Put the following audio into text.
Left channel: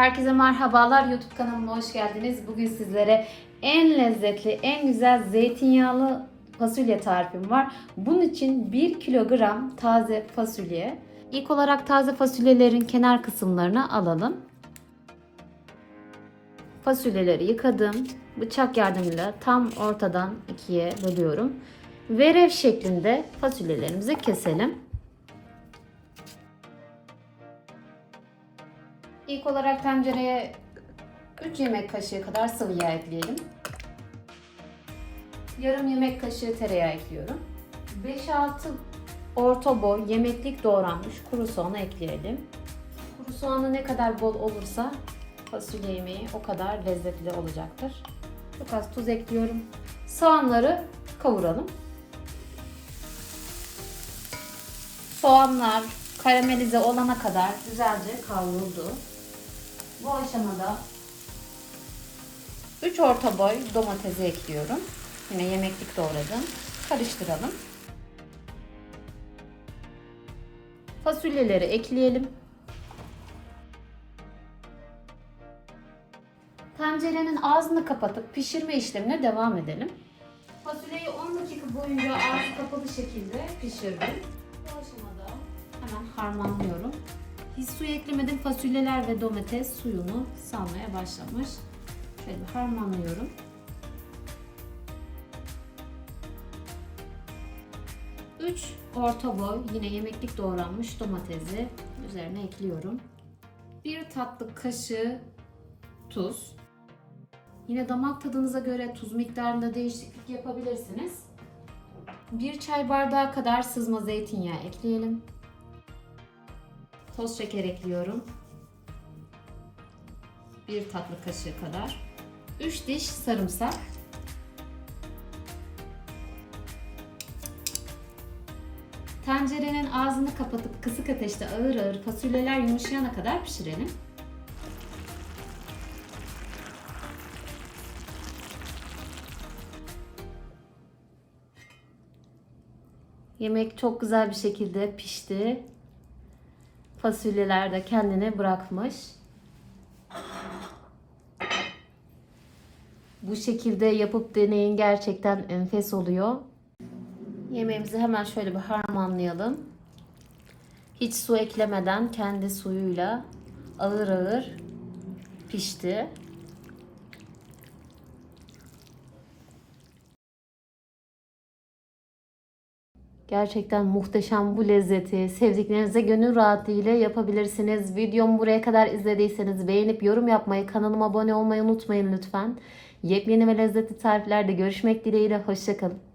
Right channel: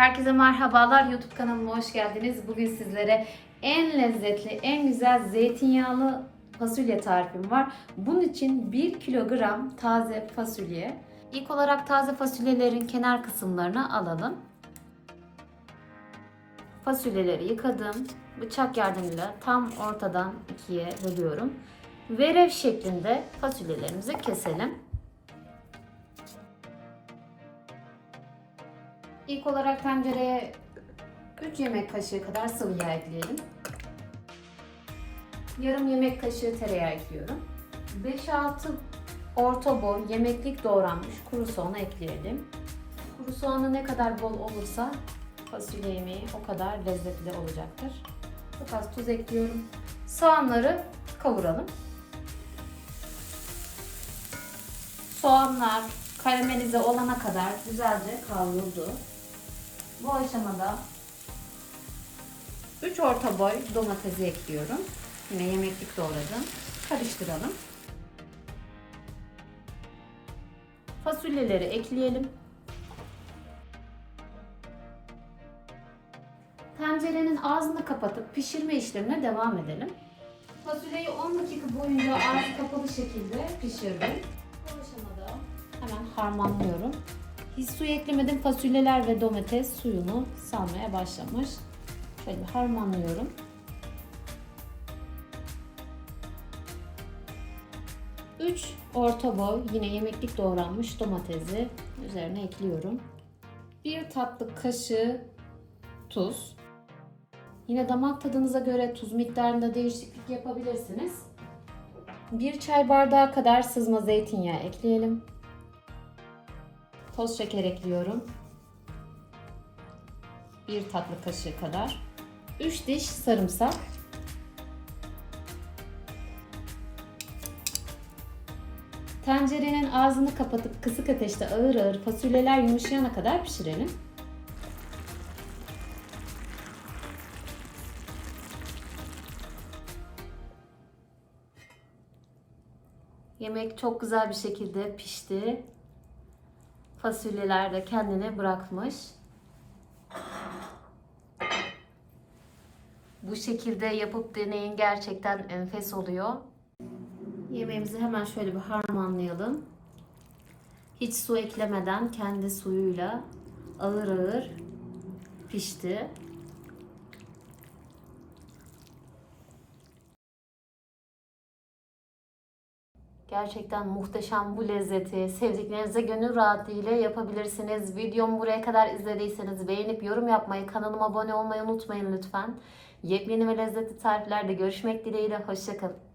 Herkese merhabalar. YouTube kanalıma hoş geldiniz. Bugün sizlere en lezzetli, en güzel zeytinyağlı fasulye tarifim var. Bunun için 1 kilogram taze fasulye. İlk olarak taze fasulyelerin kenar kısımlarını alalım. Fasulyeleri yıkadım. Bıçak yardımıyla tam ortadan ikiye bölüyorum. Verev şeklinde fasulyelerimizi keselim. İlk olarak tencereye 3 yemek kaşığı kadar sıvı yağ ekleyelim. Yarım yemek kaşığı tereyağı ekliyorum. 5-6 orta boy yemeklik doğranmış kuru soğanı ekleyelim. Kuru soğanı ne kadar bol olursa fasulye yemeği o kadar lezzetli olacaktır. Çok az tuz ekliyorum. Soğanları kavuralım. Soğanlar karamelize olana kadar güzelce kavruldu. Bu aşamada 3 orta boy domatesi ekliyorum. Yine yemeklik doğradım. Karıştıralım. Fasulyeleri ekleyelim. Tencerenin ağzını kapatıp pişirme işlemine devam edelim. Fasulyeyi 10 dakika boyunca ağzı kapalı şekilde pişirdim. Bu aşamada hemen harmanlıyorum. Hiç su eklemedim. Fasulyeler ve domates suyunu salmaya başlamış. Şöyle bir harmanlıyorum. Üç orta boy yine yemeklik doğranmış domatesi üzerine ekliyorum. Bir tatlı kaşığı tuz. Yine damak tadınıza göre tuz miktarında değişiklik yapabilirsiniz. Bir çay bardağı kadar sızma zeytinyağı ekleyelim. Toz şeker ekliyorum. Bir tatlı kaşığı kadar. 3 diş sarımsak. Tencerenin ağzını kapatıp kısık ateşte ağır ağır fasulyeler yumuşayana kadar pişirelim. Yemek çok güzel bir şekilde pişti. Fasulyeler de kendini bırakmış. Bu şekilde yapıp deneyin gerçekten enfes oluyor. Yemeğimizi hemen şöyle bir harmanlayalım. Hiç su eklemeden kendi suyuyla ağır ağır pişti. Gerçekten muhteşem bu lezzeti sevdiklerinize gönül rahatlığıyla yapabilirsiniz. Videomu buraya kadar izlediyseniz beğenip yorum yapmayı, kanalıma abone olmayı unutmayın lütfen. Yepyeni ve lezzetli tariflerde görüşmek dileğiyle. Hoşçakalın.